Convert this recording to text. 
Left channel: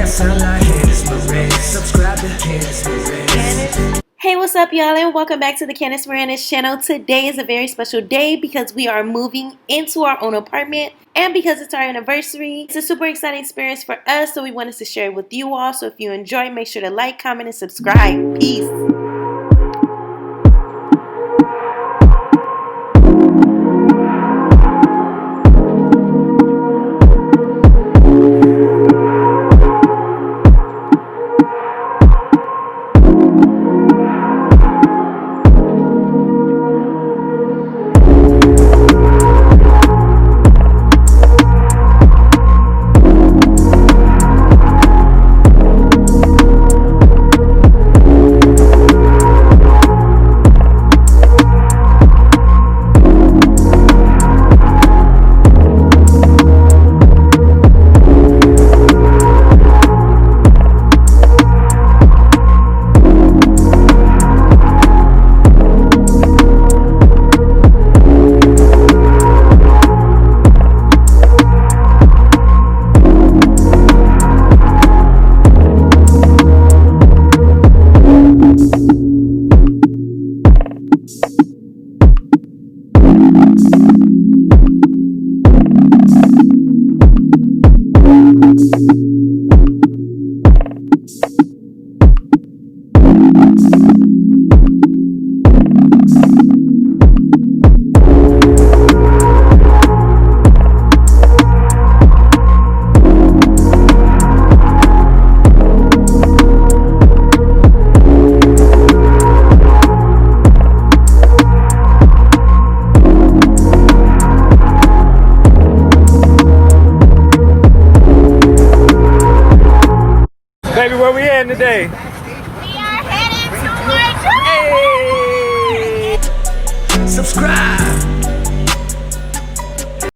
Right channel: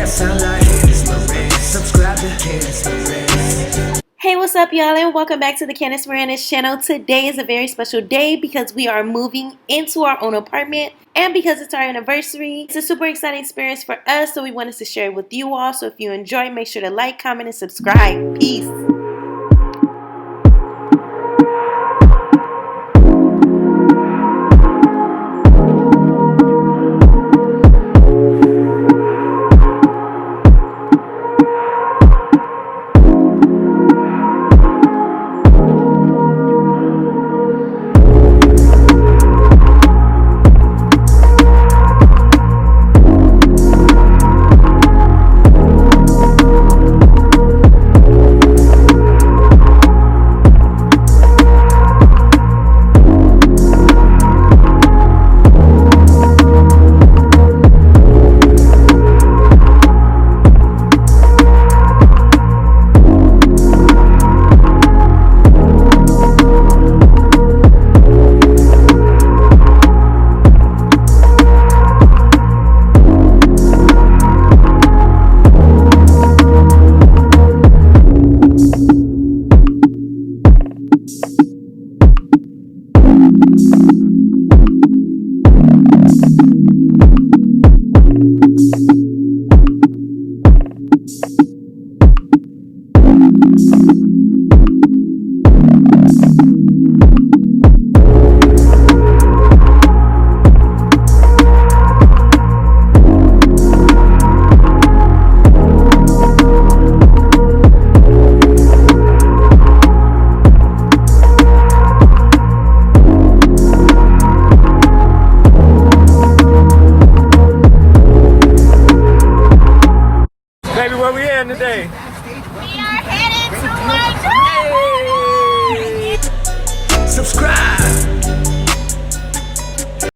Yes, I like Candis Miranda. Subscribe to Candis Miranda. Hey, what's up, y'all, and welcome back to the Candis Miranda's channel. Today is a very special day because we are moving into our own apartment, and because it's our anniversary, it's a super exciting experience for us, so we wanted to share it with you all. So if you enjoy, make sure to like, comment, and subscribe. Peace. Baby, where we at today? We are headed to my Subscribe.